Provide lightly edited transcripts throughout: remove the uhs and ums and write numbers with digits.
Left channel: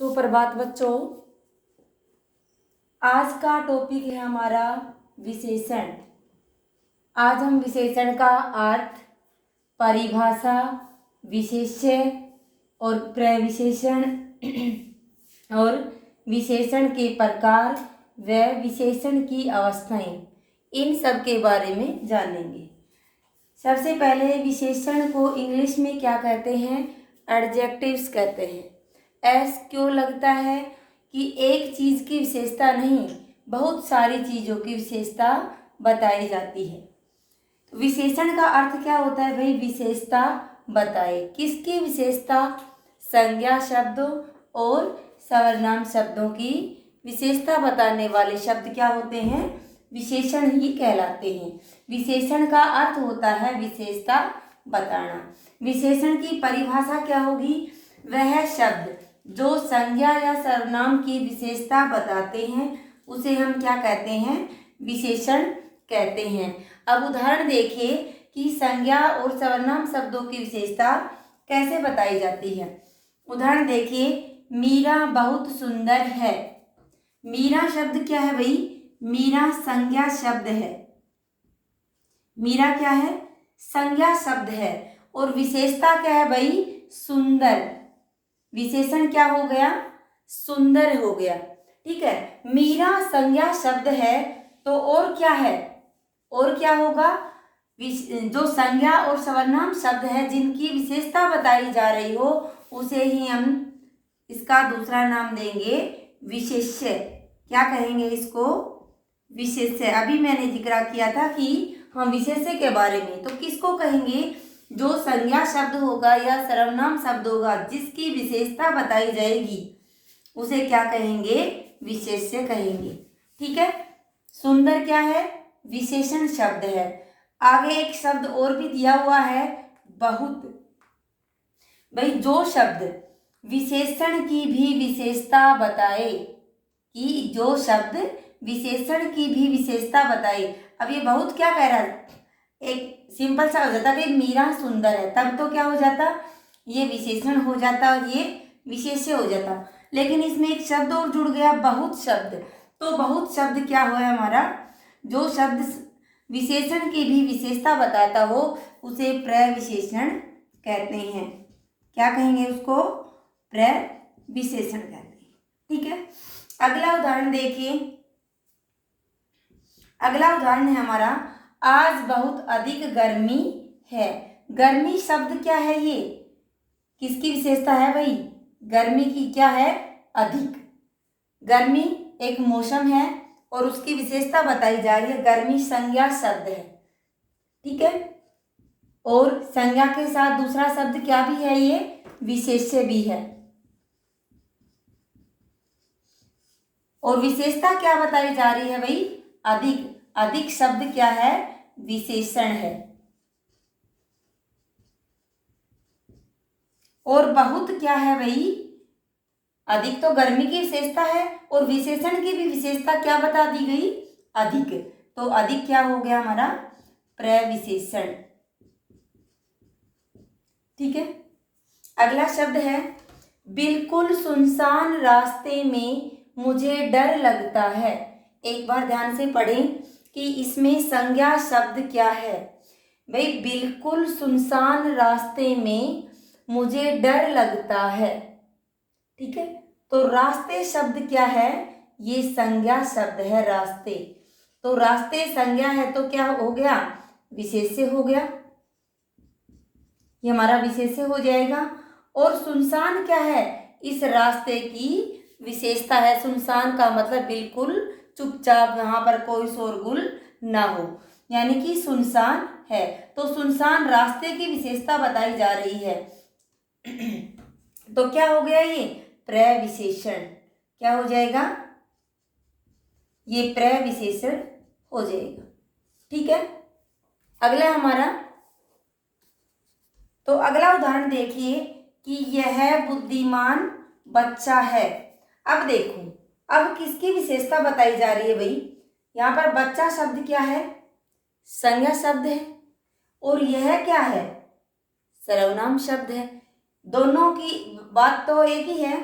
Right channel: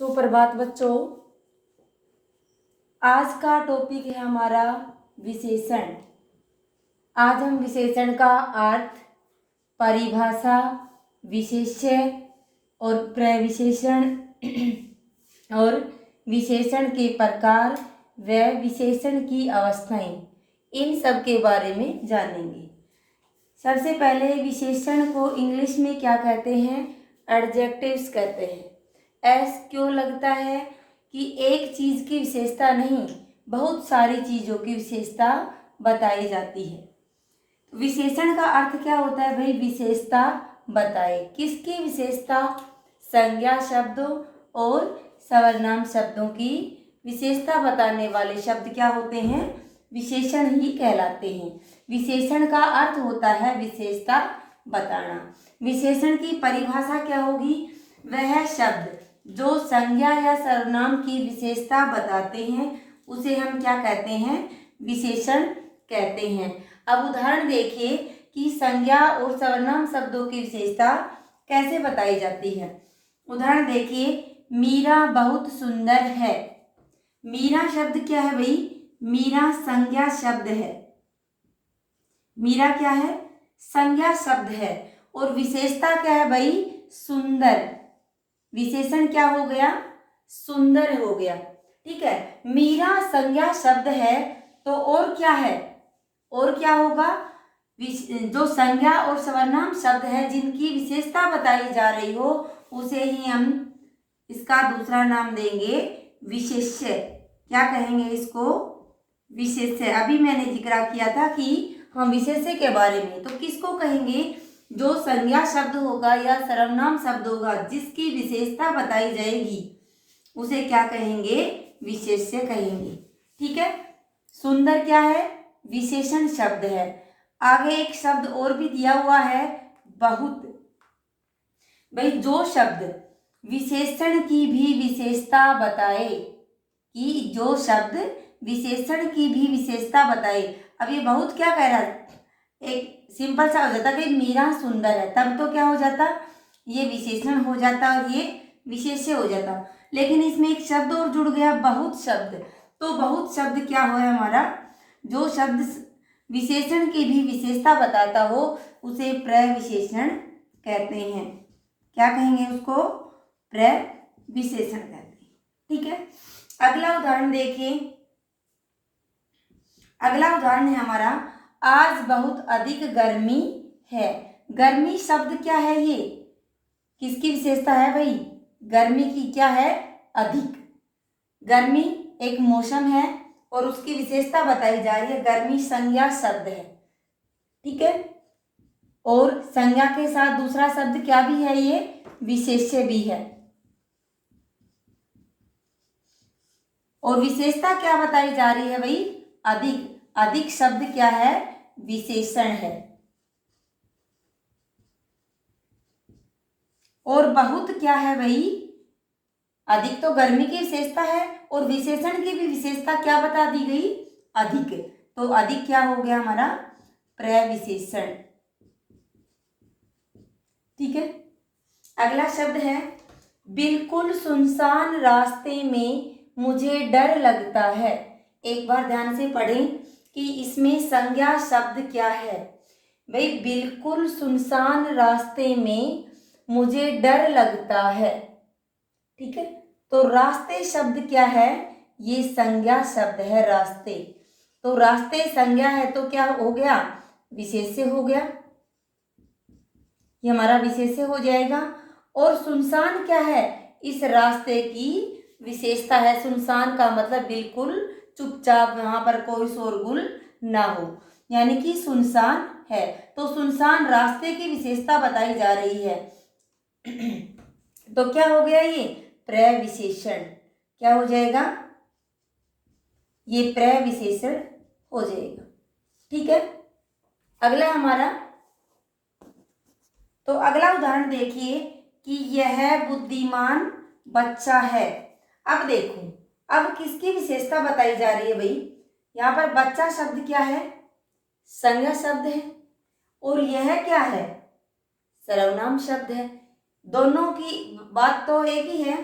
सुप्रभात बच्चों। आज का टॉपिक है हमारा विशेषण। आज हम विशेषण का अर्थ, परिभाषा, विशेष्य और प्रविशेषण और विशेषण के प्रकार व विशेषण की अवस्थाएं, इन सब के बारे में जानेंगे। सबसे पहले विशेषण को इंग्लिश में क्या कहते हैं? एडजेक्टिव्स कहते हैं। एस क्यों लगता है कि एक चीज़ की विशेषता नहीं, बहुत सारी चीज़ों की विशेषता बताई जाती है। तो विशेषण का अर्थ क्या होता है भाई? विशेषता बताए। किसकी विशेषता? संज्ञा शब्दों और सर्वनाम शब्दों की विशेषता बताने वाले शब्द क्या होते हैं? विशेषण ही कहलाते हैं। विशेषण का अर्थ होता है विशेषता बताना। विशेषण की परिभाषा क्या होगी? वह शब्द जो संज्ञा या सर्वनाम की विशेषता बताते हैं उसे हम क्या कहते हैं? विशेषण कहते हैं। अब उदाहरण देखिए कि संज्ञा और सर्वनाम शब्दों की विशेषता कैसे बताई जाती है। उदाहरण देखिए, मीरा बहुत सुंदर है। मीरा शब्द क्या है भाई? मीरा संज्ञा शब्द है। मीरा क्या है? संज्ञा शब्द है। और विशेषता क्या है भाई? सुंदर। विशेषण क्या हो गया? सुंदर हो गया। ठीक है, मीरा संज्ञा शब्द है तो और क्या है? और क्या होगा? जो संज्ञा और सर्वनाम शब्द है जिनकी विशेषता बताई जा रही हो उसे ही हम इसका दूसरा नाम देंगे विशेष्य। क्या कहेंगे इसको? विशेष्य। अभी मैंने जिक्र किया था कि हम विशेष्य के बारे में, तो किसको कहेंगे? जो संज्ञा शब्द होगा या सर्वनाम शब्द होगा जिसकी विशेषता बताई जाएगी उसे क्या कहेंगे? विशेष्य कहेंगे। ठीक है, सुंदर क्या है? विशेषण शब्द है। आगे एक शब्द और भी दिया हुआ है, बहुत। भाई जो शब्द विशेषण की भी विशेषता बताए, कि जो शब्द विशेषण की भी विशेषता बताए। अब ये बहुत क्या कह रहा है? एक सिंपल सा हो जाता कि मीरा सुंदर है, तब तो क्या हो जाता? ये विशेषण हो जाता और ये विशेष्य हो जाता। लेकिन इसमें एक शब्द और जुड़ गया, बहुत शब्द। तो बहुत शब्द क्या हो हमारा? जो शब्द विशेषण की भी विशेषता बताता हो उसे प्रविशेषण कहते हैं। क्या कहेंगे उसको? प्रविशेषण कहते हैं। ठीक है, अगला उदाहरण देखिए। अगला उदाहरण है हमारा, आज बहुत अधिक गर्मी है। गर्मी शब्द क्या है? ये किसकी विशेषता है भाई? गर्मी की क्या है? अधिक। गर्मी एक मौसम है और उसकी विशेषता बताई जा रही है। गर्मी संज्ञा शब्द है। ठीक है, और संज्ञा के साथ दूसरा शब्द क्या भी है? ये विशेष्य भी है। और विशेषता क्या बताई जा रही है भाई? अधिक। अधिक शब्द क्या है? विशेषण है। और बहुत क्या है भाई? अधिक तो गर्मी की विशेषता है और विशेषण की भी विशेषता क्या बता दी गई? अधिक। तो अधिक क्या हो गया हमारा? प्रविशेषण। ठीक है, अगला शब्द है, बिल्कुल सुनसान रास्ते में मुझे डर लगता है। एक बार ध्यान से पढ़ें कि इसमें संज्ञा शब्द क्या है। भाई बिल्कुल सुनसान रास्ते में मुझे डर लगता है। ठीक है, तो रास्ते शब्द क्या है? ये संज्ञा शब्द है, रास्ते। तो रास्ते संज्ञा है तो क्या हो गया? विशेष्य हो गया। ये हमारा विशेष्य हो जाएगा। और सुनसान क्या है? इस रास्ते की विशेषता है। सुनसान का मतलब बिल्कुल चुपचाप, वहां पर कोई शोरगुल ना हो, यानी कि सुनसान है। तो सुनसान रास्ते की विशेषता बताई जा रही है। तो क्या हो गया? ये प्रविशेषण। क्या हो जाएगा? ये प्रविशेषण हो जाएगा। ठीक है, अगला हमारा, तो अगला उदाहरण देखिए कि यह बुद्धिमान बच्चा है। अब देखो, अब किसकी विशेषता बताई जा रही है भाई? यहाँ पर बच्चा शब्द क्या है? संज्ञा शब्द है। और यह क्या है? सर्वनाम शब्द है। दोनों की बात तो एक ही है।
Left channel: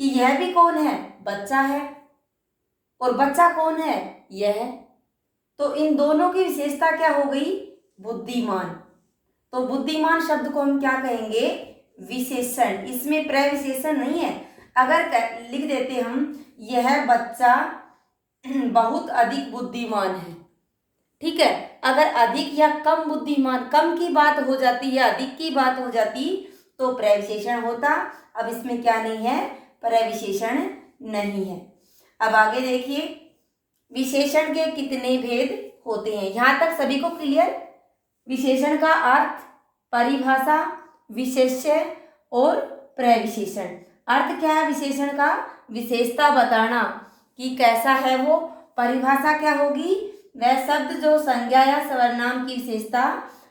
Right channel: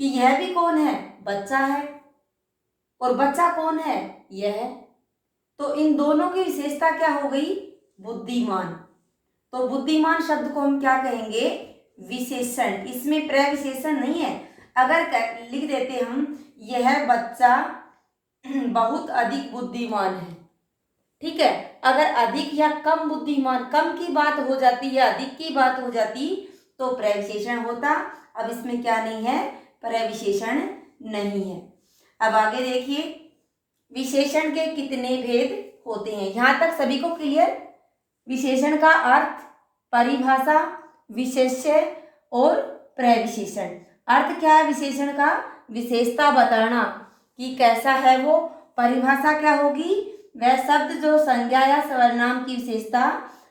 कि यह भी कौन है, बच्चा है, और बच्चा कौन है, यह। तो इन दोनों की विशेषता क्या हो गई, बुद्धिमान। तो बुद्धिमान शब्द को हम क्या कहेंगे, विशेषण। इसमें प्रविशेषण नहीं है। अगर लिख देते हम यह बच्चा बहुत अधिक बुद्धिमान है, ठीक है। अगर अधिक या कम बुद्धिमान, कम की बात हो जाती या अधिक की बात हो जाती तो प्रविशेषण होता। अब इसमें क्या नहीं है, प्रविशेषण नहीं है। अब आगे देखिए, विशेषण के कितने भेद होते हैं, यहां तक सभी को क्लियर। विशेषण का अर्थ, परिभाषा, विशेष्य और प्रविशेषण। अर्थ क्या है विशेषण का, विशेषता बताना कि कैसा है वो। परिभाषा क्या होगी, वह शब्द जो संज्ञा या सर्वनाम की विशेषता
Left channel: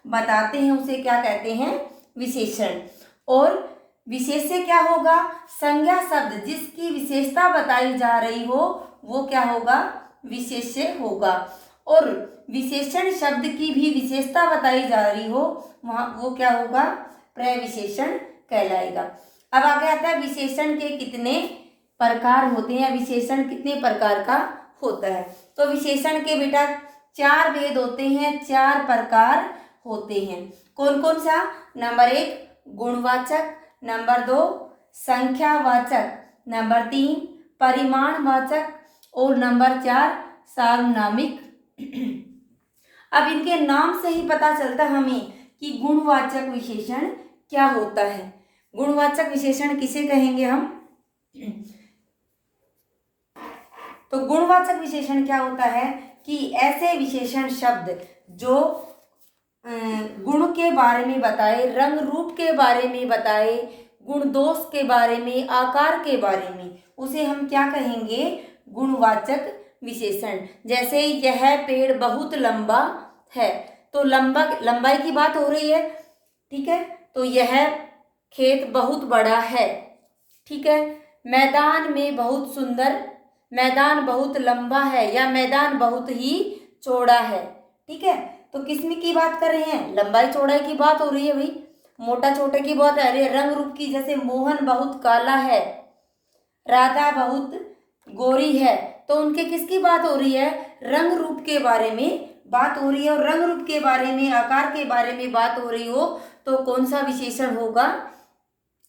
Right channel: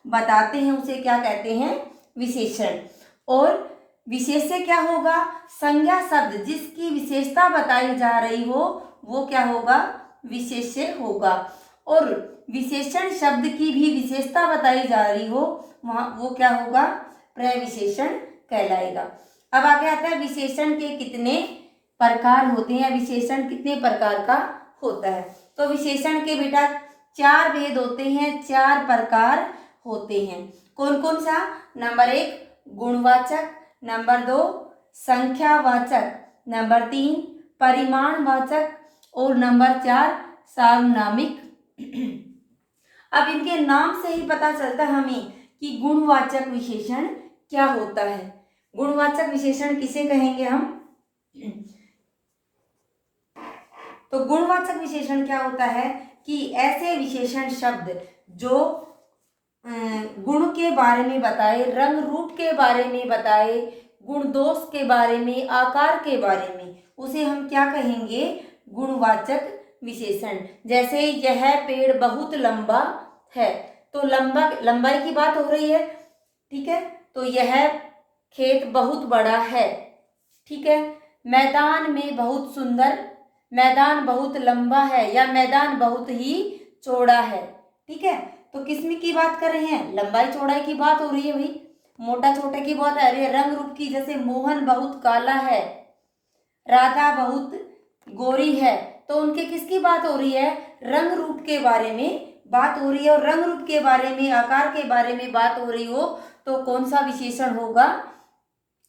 बताते हैं उसे क्या कहते हैं, विशेषण। और विशेष्य क्या होगा, संज्ञा शब्द जिसकी विशेषता बताई जा रही हो वो क्या होगा, विशेष्य होगा। और विशेषण शब्द की भी विशेषता बताई जा रही हो वहाँ वो क्या होगा, प्रविशेषण कहलाएगा। अब आगे आता है विशेषण के कितने प्रकार होते हैं, या विशेषण कितने प्रकार का होता है। तो विशेषण के बेटा 4 भेद होते हैं, 4 प्रकार होते हैं। कौन कौन सा, नंबर 1 गुणवाचक, नंबर 2 संख्यावाचक, नंबर 3 परिमाणवाचक और नंबर 4 सार्वनामिक। अब इनके नाम से ही पता चलता है हमें कि गुणवाचक विशेषण क्या होता है। गुणवाचक विशेषण किसे कहेंगे हम, तो गुणवाचक विशेषण क्या होता है कि ऐसे विशेषण शब्द जो गुण के बारे में बताए, रंग रूप के बारे में बताए, गुण दोष के बारे में, आकार के बारे में, उसे हम क्या कहेंगे, गुणवाचक विशेषण। जैसे यह पेड़ बहुत लंबा है, तो लंबाई की बात हो रही है, ठीक है। तो यह खेत बहुत बड़ा है, ठीक है। मैदान में बहुत सुंदर, मैदान बहुत लंबा है या मैदान बहुत ही चौड़ा है, ठीक है। तो किसमें की बात कर रहे हैं, लंबाई चौड़ाई की बात हो रही है भाई, मोटा छोटे की बात आ रही है। रंग रूप की, जैसे मोहन बहुत काला है, राधा बहुत गोरी है, तो उनके किसकी बात हो रही है, रंग रूप के बारे में बात हो रही है। और रंग रूप के बारे में, आकार के बारे में बात हो रही हो तो कौन सा विशेषण होगा,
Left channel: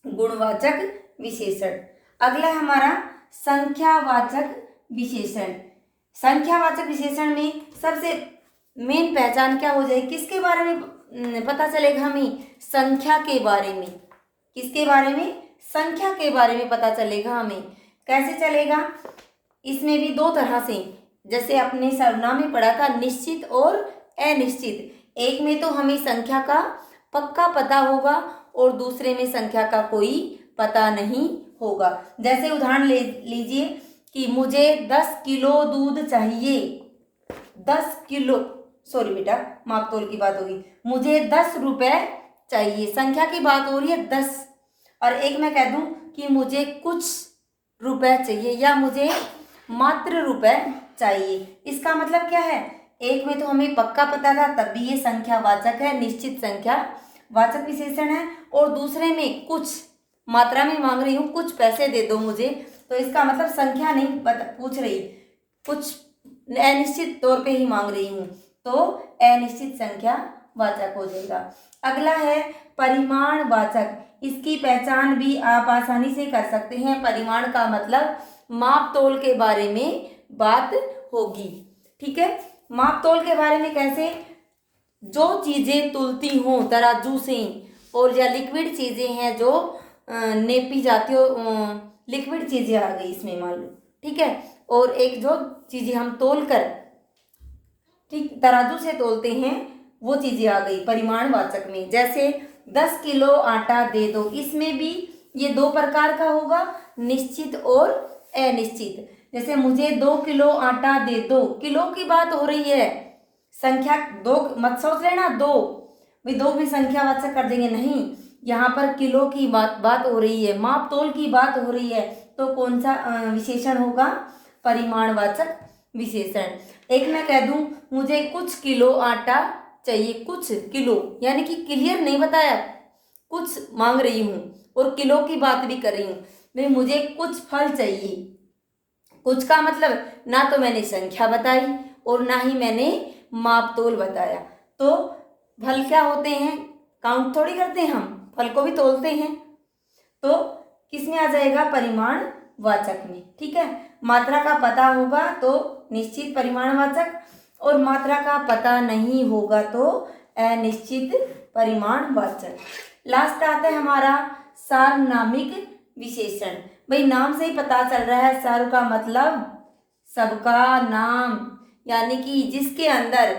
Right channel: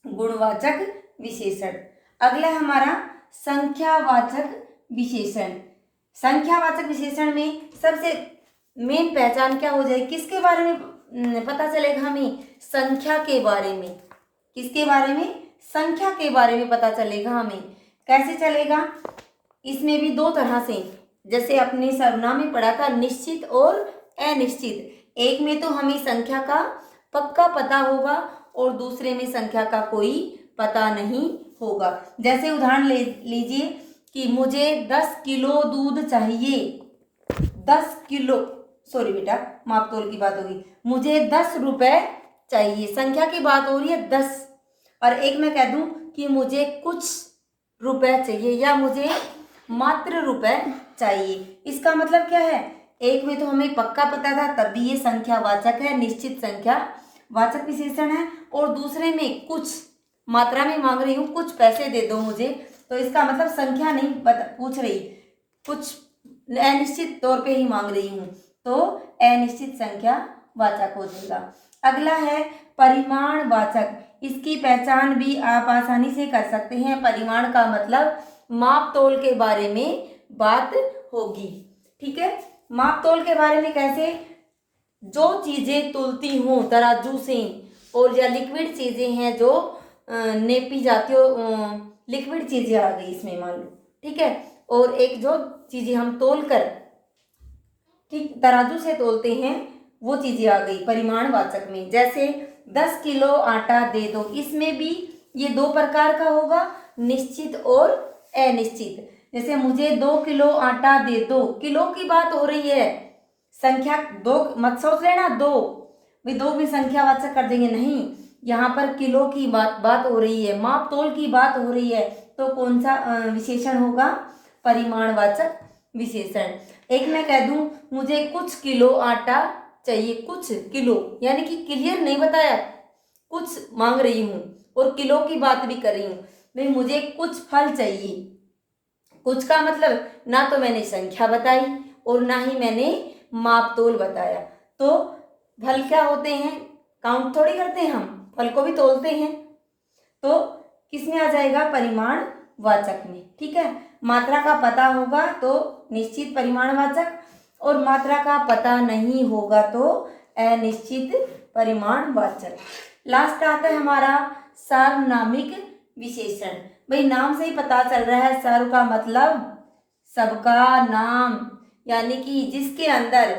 गुणवाचक विशेषण। अगला हमारा संख्यावाचक विशेषण। संख्यावाचक विशेषण में सबसे मेन पहचान क्या हो जाएगी, किसके बारे में पता चलेगा हमें, संख्या के बारे में। किसके बारे में, संख्या के बारे में पता चलेगा हमें। कैसे चलेगा, इसमें भी 2 तरह से, जैसे अपने सर्वनाम में पढ़ा था, निश्चित और अनिश्चित। एक में तो हमें संख्या का पक्का पता होगा और दूसरे में संख्या का कोई पता नहीं होगा। जैसे उदाहरण लीजिए कि मुझे 10 किलो दूध चाहिए, 10 किलो, सॉरी बेटा माप तोल की बात होगी, मुझे 10 रुपए चाहिए, संख्या की बात हो रही है 10। और एक मैं कह दूं कि मुझे कुछ रुपए चाहिए या मुझे मात्र रुपए चाहिए, इसका मतलब क्या है, एक में तो हमें पक्का पता था तब भी ये संख्यावाचक है, निश्चित संख्या वाचक विशेषण है, और दूसरे में कुछ मात्रा में मांग रही हूँ, कुछ पैसे दे दो मुझे, तो इसका मतलब संख्या नहीं पूछ रही, कुछ अनिश्चित तौर पे ही मांग रही हूँ, तो अनिश्चित संख्या वाचक हो जाएगा। अगला है परिमाणवाचक। इसकी पहचान भी आप आसानी से कर सकते हैं। परिमाण का मतलब माप तोल के बारे में बात होगी, ठीक है। माप तोल के बारे में कैसे, जो चीजें तुलती हों तराजू से, और या लिक्विड चीजें हैं जो नेपी जाती हो, लिक्विड चीजें आ गई इसमें मान लो, ठीक है। और एक जो चीजें हम तोल कर, ठीक, तराजू से तोलते हैं वो चीजें आ गई परिमाणवाचक में। जैसे 10 किलो आटा दे दो, इसमें भी ये 2 प्रकार का होगा, निश्चित और अनिश्चित। जैसे मुझे 2 किलो आटा दे दो, किलो की बात हो रही है, संख्या 2 मत सोच लेना, 2 भाई 2 भी संख्यावाचक कर देंगे, नहीं, यहाँ पर किलो की बात हो रही है, माप तोल की बात हो रही है, तो कौन सा विशेषण होगा, परिमाणवाचक विशेषण। एक मैं कह दूं मुझे कुछ किलो आटा चाहिए, कुछ किलो यानी कि क्लियर नहीं बताया, कुछ मांग रही हूँ और किलो की बात भी कर रही हूँ, भाई मुझे कुछ फल चाहिए। कुछ का मतलब ना तो मैंने संख्या बताई और ना ही मैंने माप तोल बताया। तो फल क्या होते हैं, काउंट थोड़ी करते हैं हम, फल को भी तोलते हैं। तो किसमें आ जाएगा, परिमाण वाचक में। ठीक है, मात्रा का पता होगा तो निश्चित परिमाणवाचक, और मात्रा का पता नहीं होगा तो अनिश्चित परिमाणवाचक। लास्ट आता है हमारा सार्वनामिक विशेषण। भाई नाम से ही पता चल रहा है, सर्व का मतलब सबका नाम, यानी कि जिसके अंदर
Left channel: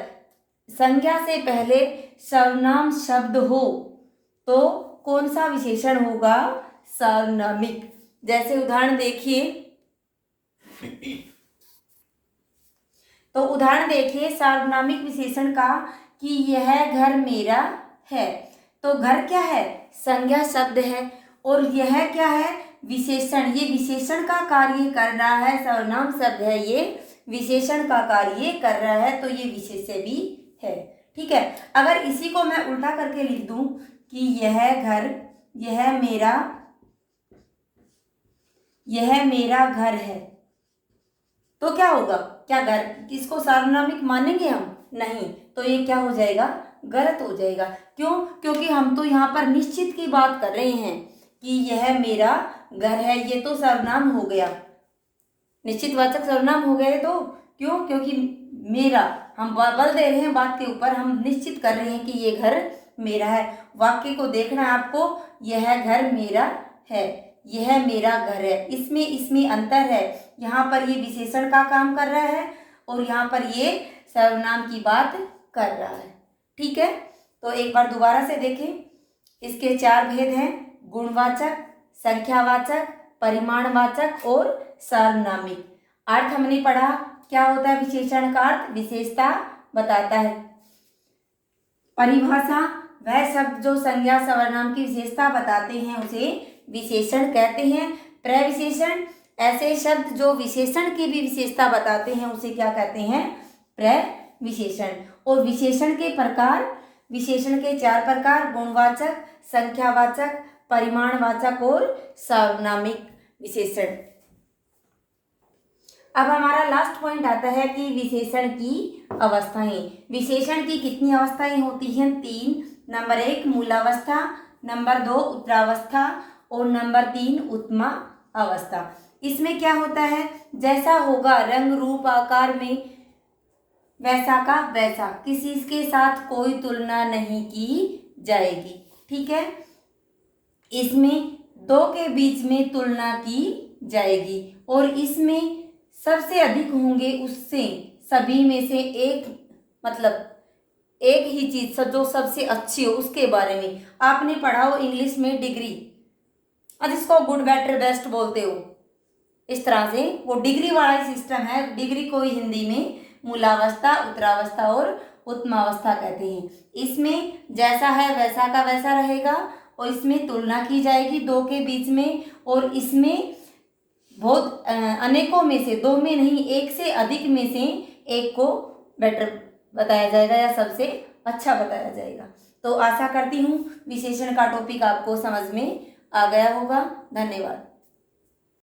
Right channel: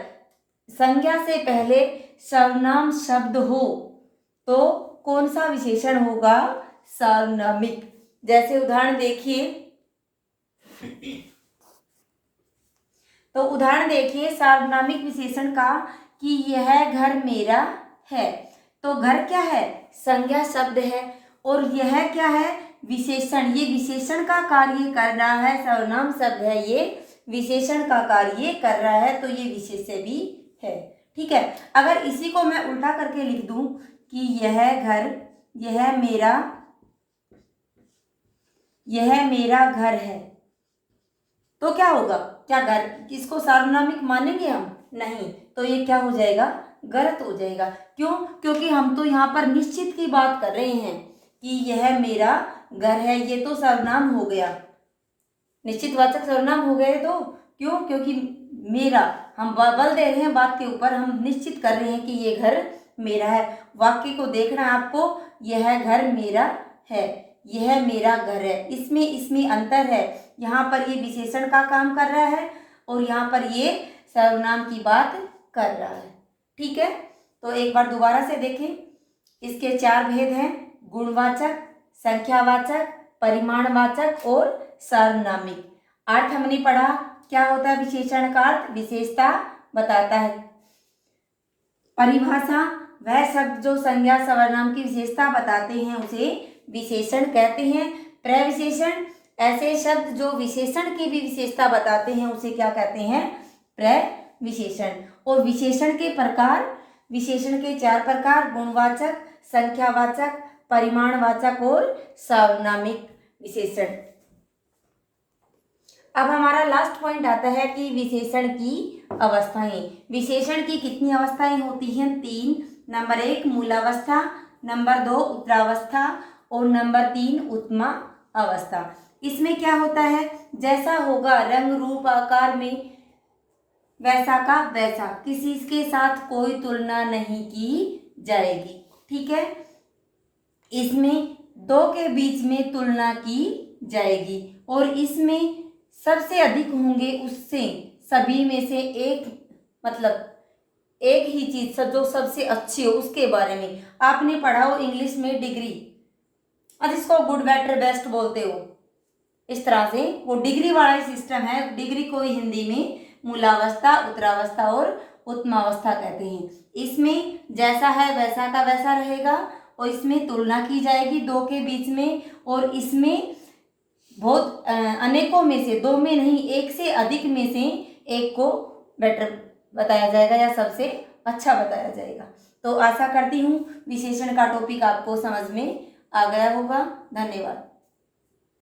संज्ञा से पहले सर्वनाम शब्द हो तो कौन सा विशेषण होगा, सार्वनामिक। जैसे उदाहरण देखिए, तो उदाहरण देखिए सार्वनामिक विशेषण का कि यह घर मेरा है। तो घर क्या है, संज्ञा शब्द है, और यह क्या है, विशेषण। ये विशेषण का कार्य कर रहा है, सर्वनाम शब्द है, ये विशेषण का कार्य कर रहा है, तो ये विशेष्य भी है। ठीक है, अगर इसी को मैं उल्टा करके लिख दूं कि यह घर, यह मेरा घर है, तो क्या होगा, क्या घर किसको सार्वनामिक मानेंगे हम, नहीं। तो ये क्या हो जाएगा, गलत हो जाएगा। क्यों, क्योंकि हम तो यहाँ पर निश्चित की बात कर रहे हैं कि यह मेरा घर है, ये तो सर्वनाम हो गया, निश्चित वाचक सर्वनाम हो गए। तो क्यों, क्योंकि मेरा, हम बल दे रहे हैं बात के ऊपर, हम निश्चित कर रहे हैं कि ये घर मेरा है। वाक्य को देखना है आपको, यह घर मेरा है, यह मेरा घर है, इसमें अंतर है। यहाँ पर ये विशेषण का काम कर रहा है और यहाँ पर ये सर्वनाम की बात कर रहा है। ठीक है, तो एक बार दोबारा से देखें, इसके 4 भेद हैं, गुणवाचक, संख्यावाचक, परिमाणवाचक और सार्वनामिक। अर्थ हमने पढ़ा, क्या होता है विशेषण का अर्थ, विशेषता बताता है। परिभाषा, वह शब्द जो संज्ञा सर्वनाम की विशेषता बताते हैं उसे विशेषण कहते हैं। प्रविशेषण, ऐसे शब्द जो विशेषण की भी विशेषता बताते हैं उसे क्या कहते हैं, प्रविशेषण। और विशेषण के प्रकार, विशेषण के 4 प्रकार, गुणवाचक, संख्यावाचक, परिमाणवाचक और सार्वनामिक विशेषण। अब हमारा लास्ट पॉइंट आता है कि विशेषण की अवस्थाएं। विशेषण की कितनी अवस्थाएं होती हैं, 3। नंबर 1 मूलावस्था, नंबर 2 उत्तरावस्था और नंबर 3 उत्तमा अवस्था। इसमें क्या होता है, जैसा होगा रंग रूप आकार में वैसा का वैसा, किसी के साथ कोई तुलना नहीं की जाएगी। ठीक है, इसमें 2 के बीच में तुलना की जाएगी और इसमें सबसे अधिक होंगे उससे, सभी में से एक, मतलब एक ही चीज जो सबसे अच्छी हो उसके बारे में। आपने पढ़ा हो इंग्लिश में डिग्री, और जिसको गुड बेटर बेस्ट बोलते हो, इस तरह से वो डिग्री वाला ही सिस्टम है। डिग्री को ही हिंदी में मूलावस्था, उत्तरावस्था और उत्तमावस्था कहते हैं। इसमें जैसा है वैसा का वैसा रहेगा और इसमें तुलना की जाएगी 2 के बीच में, और इसमें बहुत अनेकों में से, 2 में नहीं, 1 से अधिक में से एक को बेटर बताया जाएगा या सबसे अच्छा बताया जाएगा। तो आशा करती हूँ विशेषण का टॉपिक आपको समझ में आ गया होगा। धन्यवाद।